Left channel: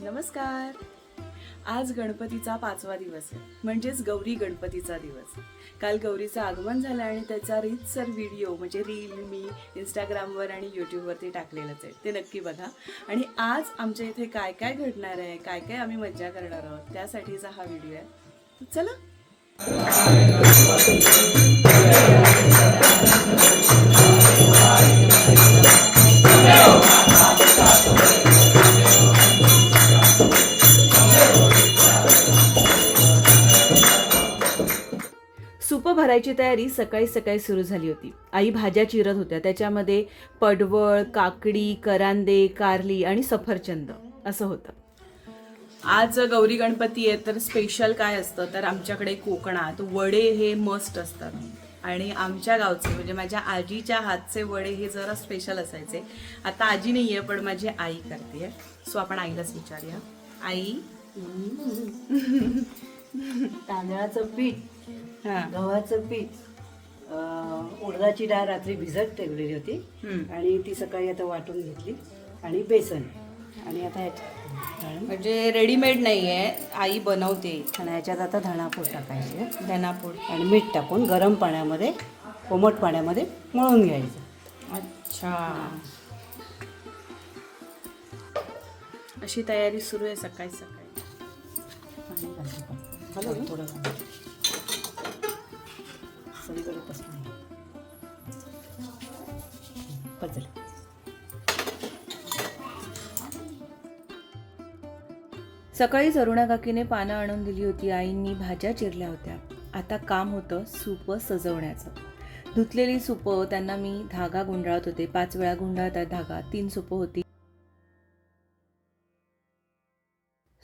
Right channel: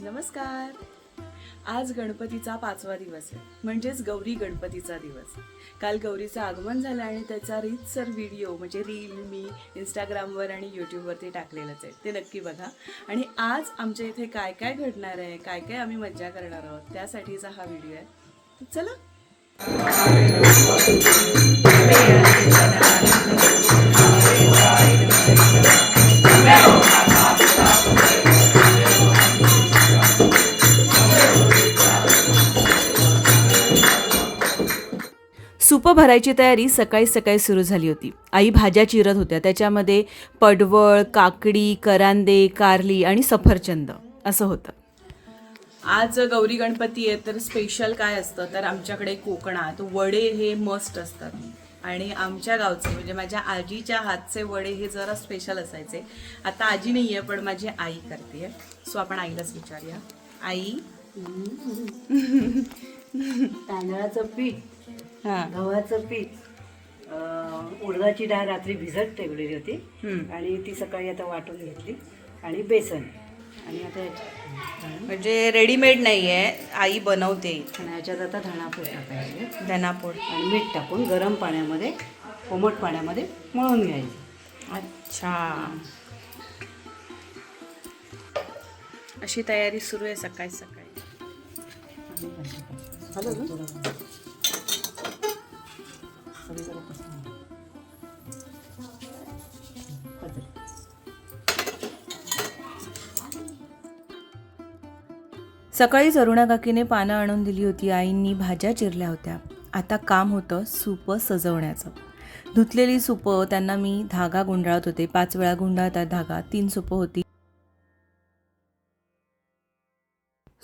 नमस्कार. आज गणपतीचा 5वा दिवस आहे, म्हणजेच गौरी गणपतीचा दिवस. काल गौरीचं आगमन झालं आणि त्याचा रीतसर व्हिडिओ म्हणजे रील मी इंस्टाग्रामवर आणि यूट्यूबवरती टाकलेलंच आहे, ते नक्की बघा. आणि आज आमच्या इथे काय काय घडणार आहे, काय काय आम्ही मज्जा करणार आहोत, त्यासाठीचा हा व्हिडिओ आहे. चला. सुपं भरायची तयारी सकाळी सकाळी सुरू झाली होती. आई भाज्या चिरत होत्या. त्याच्यामध्ये पडवळ, काकडी, करांदे, कारली आणि सफरचंद असं होतं. आज गौरी गणपती आहे, तर स्पेशल काय असतं तर आमच्याकडे कोकणात वडे हे मस्ट असतात. आणि आमच्या गावचे म्हणजे माझ्या आजीच्या हातचे वडे हे जरा स्पेशल असायचे. आता आजी नाही आहे, पण माझी आई करते. सो आपण आईलाच विचारूया. आई, तांदळाचं पीठ, गव्हाचं पीठ, उडदाची डाळ रात्री भिजत ठेवलेली होती आणि ती सकाळी आता वाटून घेतली आणि बेसन आणि आता म्हणजे रेडीमेड नाही आहे, आई बनवते. आणि याच्यात आता धणापूड टाकायचे, धनापूड आणि मीठ टाकून गरम पाण्यामध्ये, कोमट पाण्यामध्ये मळून घ्यायचं. अच्छा, अशी तयारी सुरू आहे सकाळी सकाळी. सकाळी अरुणा काकीने पानं आणून दिली होती. आईंनी भाज्या चिरल्या होत्या. आता काम होतं सुपं सजवण्याचं. धुतलेली सुपं त्यांना मी धागा गुंडाळत होते. 5 वेळा गुंडाळतात धागा. 3 सुपं होती.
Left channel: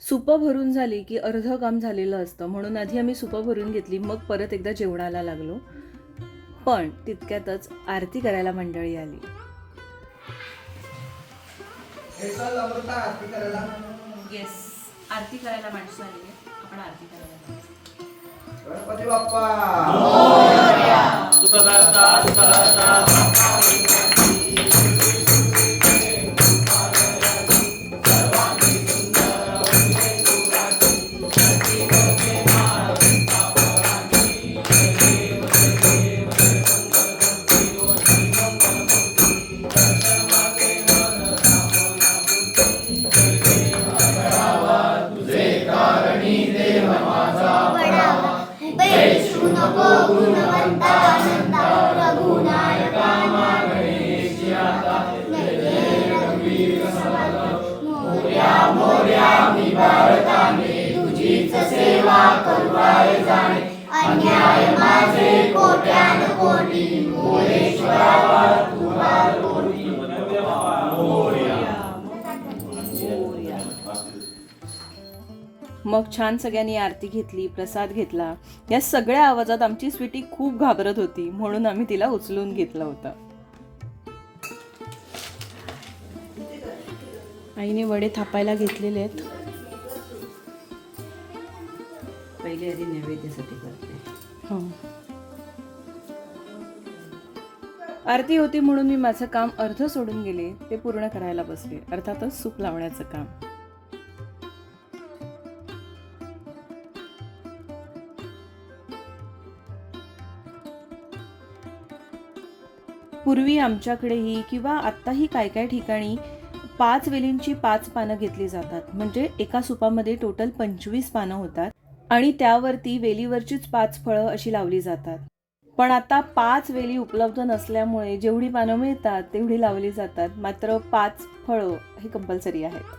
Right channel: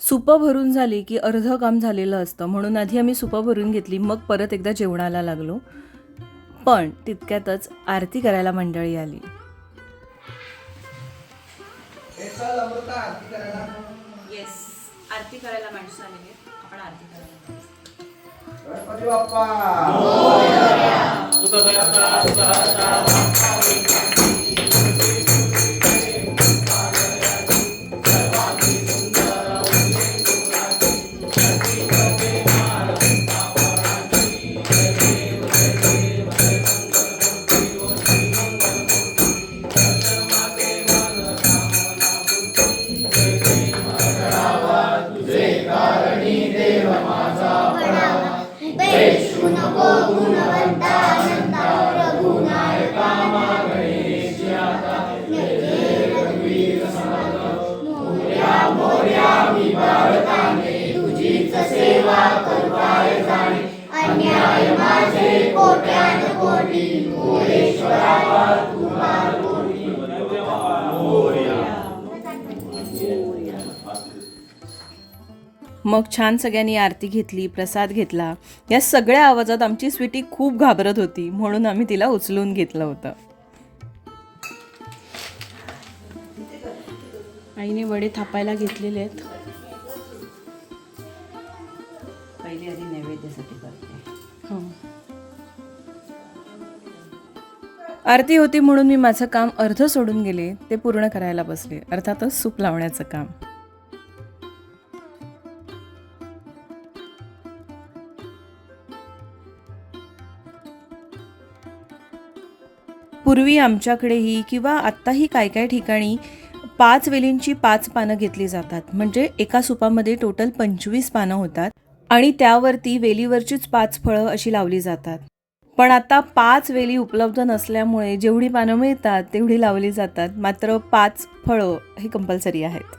सुपं भरून झाली की अर्ध काम झालेलं असतं, म्हणून आधी आम्ही सुपं भरून घेतली, मग परत एकदा जेवणाला लागलो. पण तितक्यातच आरती करायला मंडळी आली. आरती करायला माणसं आली आहे. आपण आरती करायला गणपती बाप्पा मग छान सगळ्यांनी आरती घेतली, प्रसाद घेतला. या सगळ्या आवाजात आमची स्वीटी खूप घाबरत होती, म्हणून आम्ही तिला उचलून घेतलं होतं. आईने वडे थापायला घेतलेले आहेत. पहिले आधी नैवेद्यासाठी करते. हो, आरती होती म्हणून मी माझं काम अर्ध सोडून गेले, ते पूर्ण करायला बसले. अर्थातच सूप लावण्याचं काम. पूर्वी आमच्याकडेही किंवा आत्ताही काय काय ठिकाणी 5 वेलींची 5 पानं घेतली जातात. म्हणजे एका सुपामध्ये टोटल 25 पानं होतात आणि त्यावरती वेलीवरचीच 5 फळं अशी लावली जातात. पण आता 5 वेली उपलब्ध नसल्यामुळे जेवढी पानं मिळतात तेवढी लावली जातात. मात्र 5 फळं हे कंपल्सरी आहेत.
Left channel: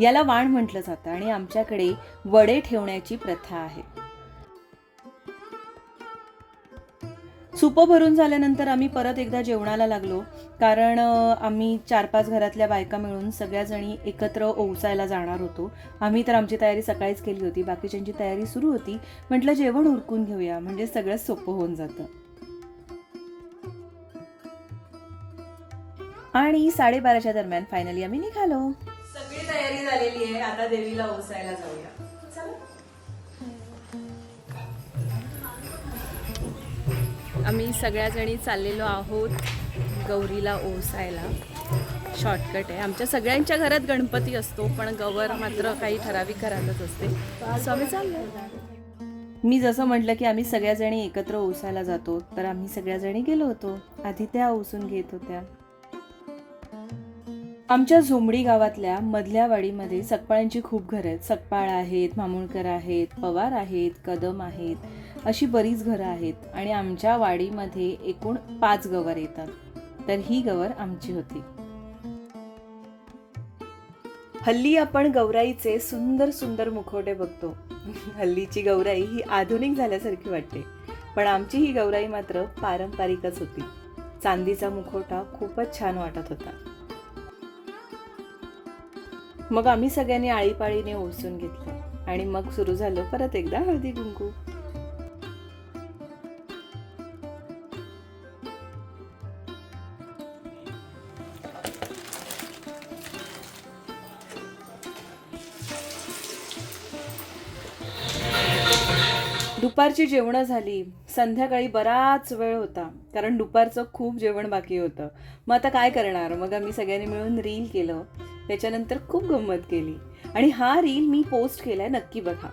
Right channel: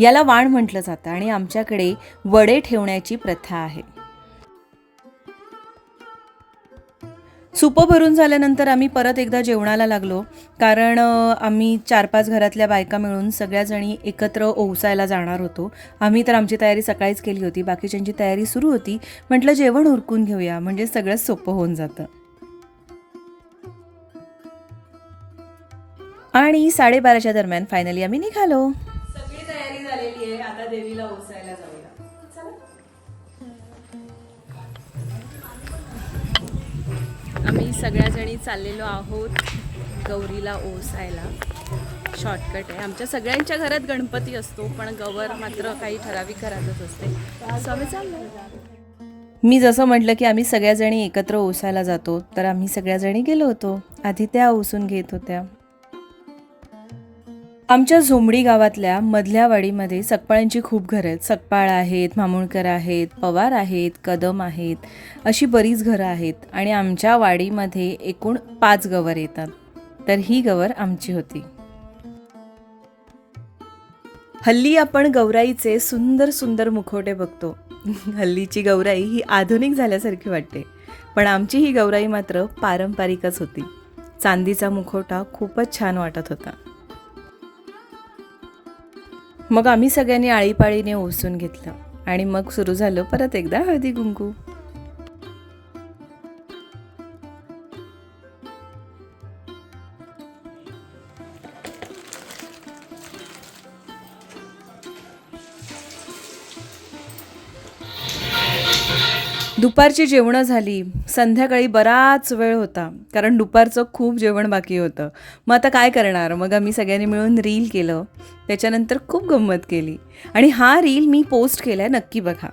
याला वाण म्हटलं जातं आणि आमच्याकडे वडे ठेवण्याची प्रथा आहे. सुपं भरून झाल्यानंतर आम्ही परत एकदा जेवणाला लागलो, कारण आम्ही 4-5 घरातल्या बायका मिळून सगळ्याजणी एकत्र ओवसायला जाणार होतो. आम्ही तर आमची तयारी सकाळीच केली होती, बाकीच्यांची तयारी सुरू होती. म्हटलं जेवण उरकून घेऊया, म्हणजे सगळं सोपं होऊन जातं. आणि 12:30च्या दरम्यान फायनली आम्ही निघालो. सगळी तयारी झालेली आहे, आता देवीला ओवसायला जाऊया. आम्ही सगळ्याजणी चाललेलो आहोत गौरीला ओसायला. शॉर्टकट आहे. आमच्या सगळ्यांच्या घरात गणपती असतो, पण गवर मात्र काही ठराविक घरातच असते. असं आम्ही चाललो. मी जसं म्हटलं की आम्ही सगळ्याजणी एकत्र ओसायला जातो, तर आम्ही सगळ्याजणी गेलो होतो. आधी त्या ओसून घेत होत्या. आमच्या झोंबडी गावातल्या मधल्या वाडीमध्ये सकपाळांची खूप घरं आहेत. सकपाळ आहेत, मामुळकर आहेत, पवार आहेत, कदम आहेत, अशी बरीच घरं आहेत. आणि आमच्या वाडीमध्ये एकूण 5 गवर येतात. तर ही गवर आमची होती. हल्ली आपण गौराईचे सुंदर सुंदर मुखवटे बघतो. हल्लीची गौराई ही आधुनिक झाल्यासारखी वाटते, पण आमची ही गौराई मात्र पारंपरिकच होती. चांदीचा मुखवटा खूपच छान वाटत होता. मग आम्ही सगळ्यांनी आळीपाळीने ओसून घेतलं आणि मग सुरू झालं परत एकदा हळदी कुंकू. दुपारची जेवणं झाली. संध्याकाळी बराच वेळ होता, कारण दुपारचं खूप जेवण बाकी होतं. मग आता काय करणार? मग आम्ही सगळ्यांनी मिळून रील केलं. त्याच्यानंतर खूप गंमत केली आणि हा रील मी पोस्ट केलाय, नक्की बघा.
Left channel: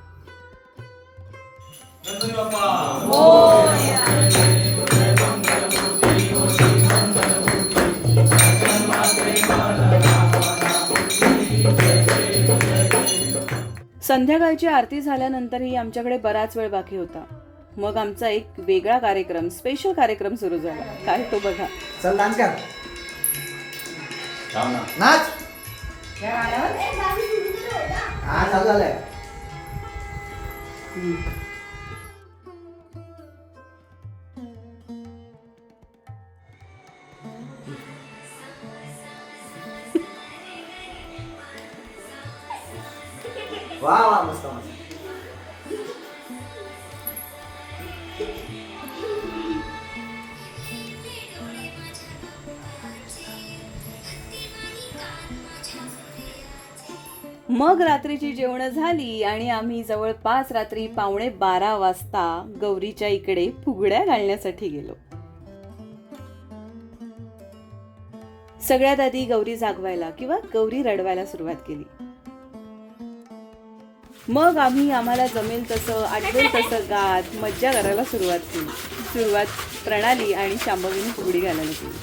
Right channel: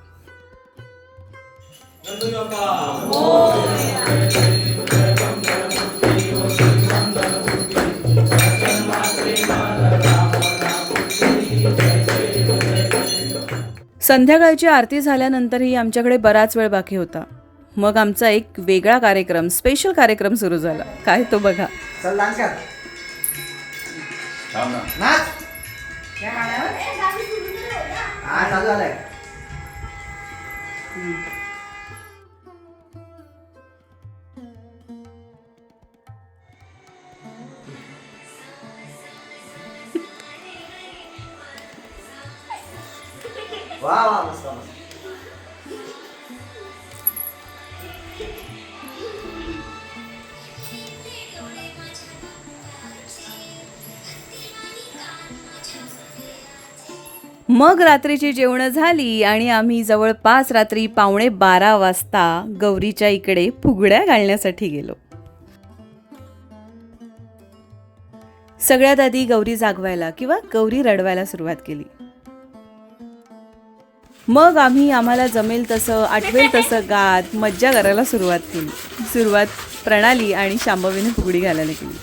संध्याकाळची आरती झाल्यानंतरही आमच्याकडे बराच वेळ बाकी होता. मग आमचा एक वेगळा कार्यक्रम, स्पेशल कार्यक्रम सुरू झाला. काय तो बघा. चल डान्स कर. नाच. या गाण्यावर हा चालू झालंय. वा वा मस्त मस्त. मग रात्रीची जेवणं झाली आणि आम्ही जवळपास रात्री 11:15 वाजता गौरीच्या इकडे फुगड्या घालण्यासाठी गेलो. सगळ्यात आधी गौरी जागवायला किंवा गौरी रडवायला सुरुवात केली. मग आम्ही आम्हाला जमेल तसं, आठवेल तसं गात मज्जा करायला सुरुवात केली. सुरुवात प्रणाली आणि शांभवीने फुगडी घालायला केली.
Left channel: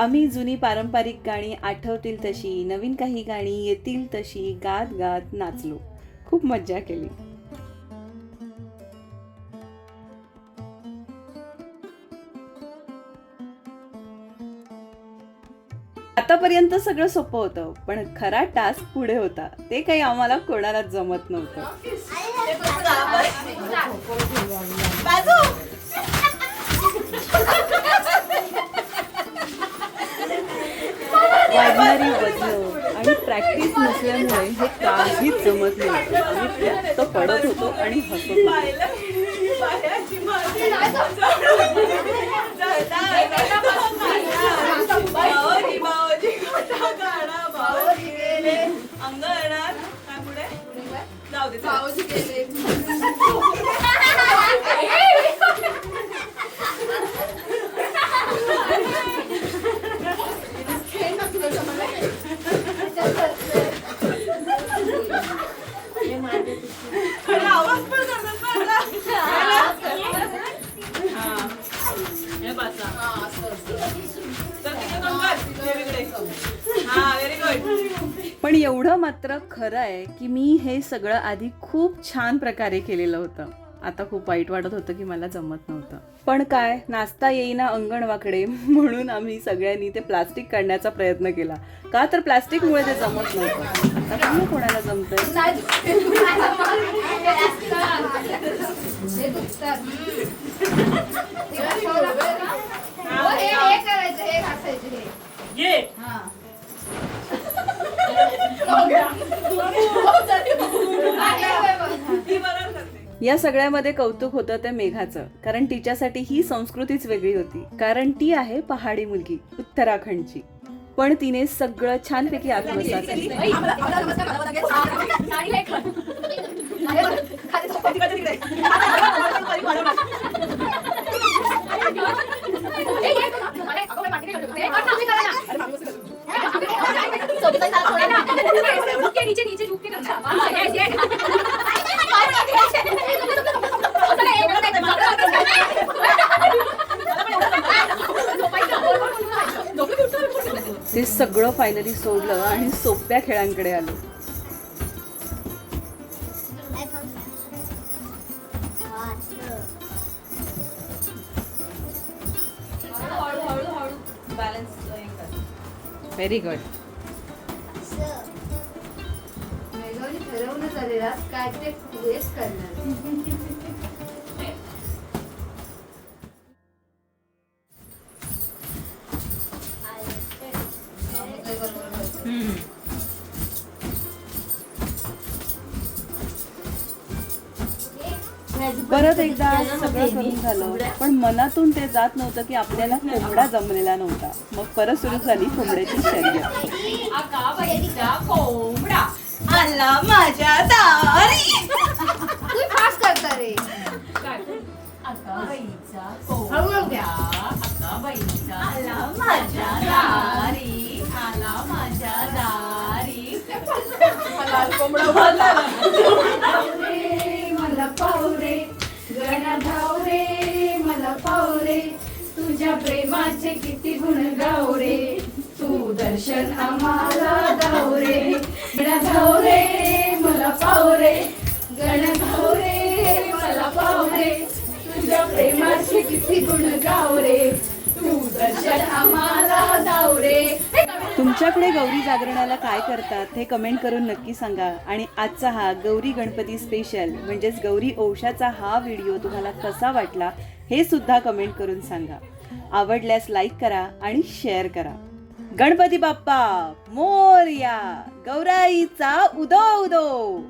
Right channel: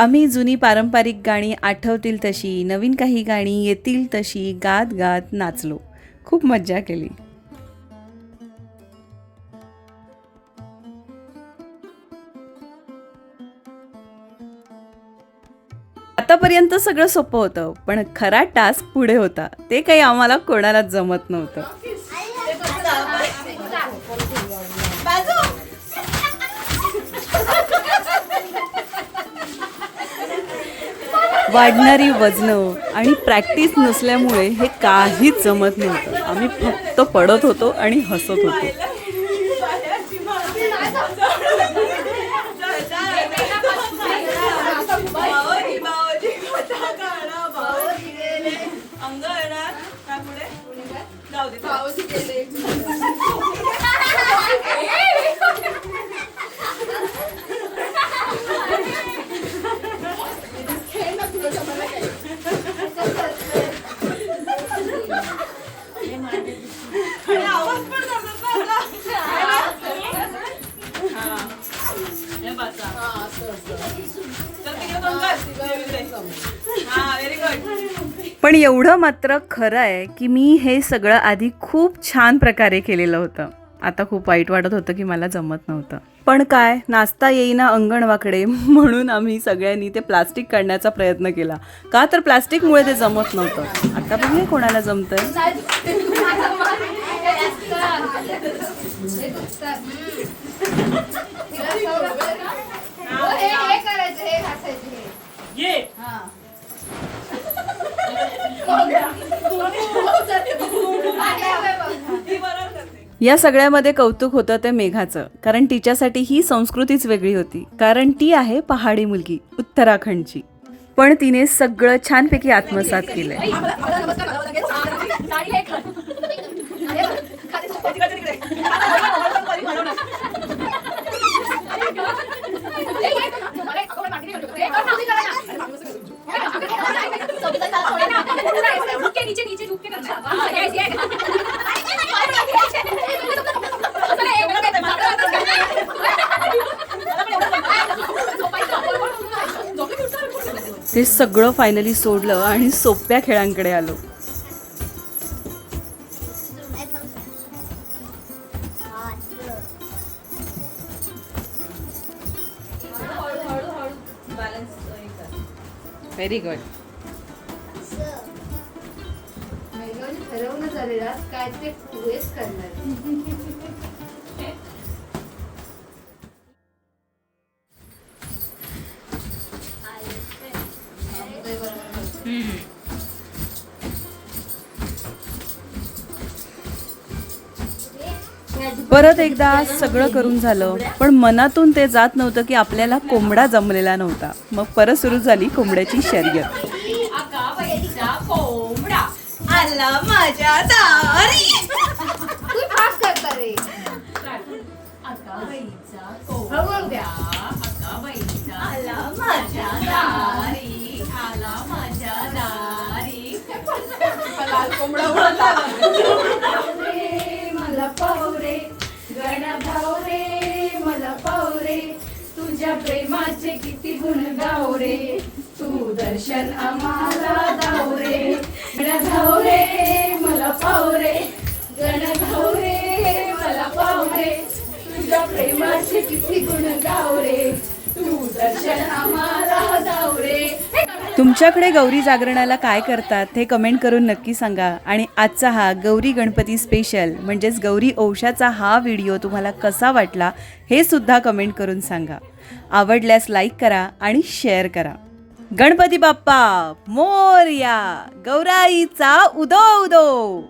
आम्ही जुनी पारंपरिक गाणी आठवतील तशी, नवीन काही गाणी येतील तशी गात गात नाचलो. खूप मज्जा केली. आतापर्यंत सगळं सोपं होतं, पण खरा टास्क पुढे होता. ते काही आम्हाला कोणालाच जमत नव्हतं. वाढणारी वजनं आणि प्रॅक्टिस नसल्यामुळे हे काहीच जमत नव्हतं. आम्ही फक्त पडत होतो आणि हसत होतो. पण एवढं मात्र खरं आहे की मी हे सगळं आधी खूप छान प्रकारे केलेलं होतं. आता खूप वाईट वाटत होतं की मला जमत नव्हतं. पण काय, नाचता येईना अंगण वाकडे, म्हणून आम्ही सगळ्यांनी ते प्लास्टिक काढण्याचा प्रयत्न केला. का तर प्लास्टिकमुळे ते जमत नव्हतं. आता बघूया कोणाला जमतं. या सगळ्यामध्ये कौतुक होतं ते मेघाचं, कारण तिच्यासाठी ही संस्कृतीच वेगळी होती. कारण ती आहे पहाडी मुलगी, उत्तराखंडची. पण तिने सगळं छानपैकी आत्मसात केलंय. ते सगळं फायनली सोडलं आणि सोप्या खेळांकडे आलो. Very good. परत एकदा सगळं करून झालं, पण मनातून ते जात नव्हतं की आपल्याला कोंबडा जमलेला नव्हता. मग परत सुरू झाली कोंबड्याची शर्यत. कोंबडा आला माझ्या दारी. अकाबाईचा कोंबड्या, अकाबाईचा आला माझ्या दारी, आला माझ्या दारी. मला पावरे गण्या धावरे, मला पावरे तुझ्या प्रेमाचे किती गुण गावरे, तू दर्शन आम्हाला धावरे. गण्या धावरे मला पावरे, गण्या धावरे मला पावरे तुझ्या प्रेमाचे किती गुण गावरे, तू दर्शन आम्हाला धावरे. तुमच्याकडे गौरी जागरणाला काय करतात हे कमेंट करून नक्की सांगा. आणि आजचा हा गौरी गणपती स्पेशल म्हणजेच गौरी औषाचा हा व्हिडिओ तुम्हाला कसा वाटला हे सुद्धा कमेंट करून सांगा. आवडल्यास लाईक करा आणि शेअर करा. गणपती बाप्पा मोरया, गौराईचा उदो उदो.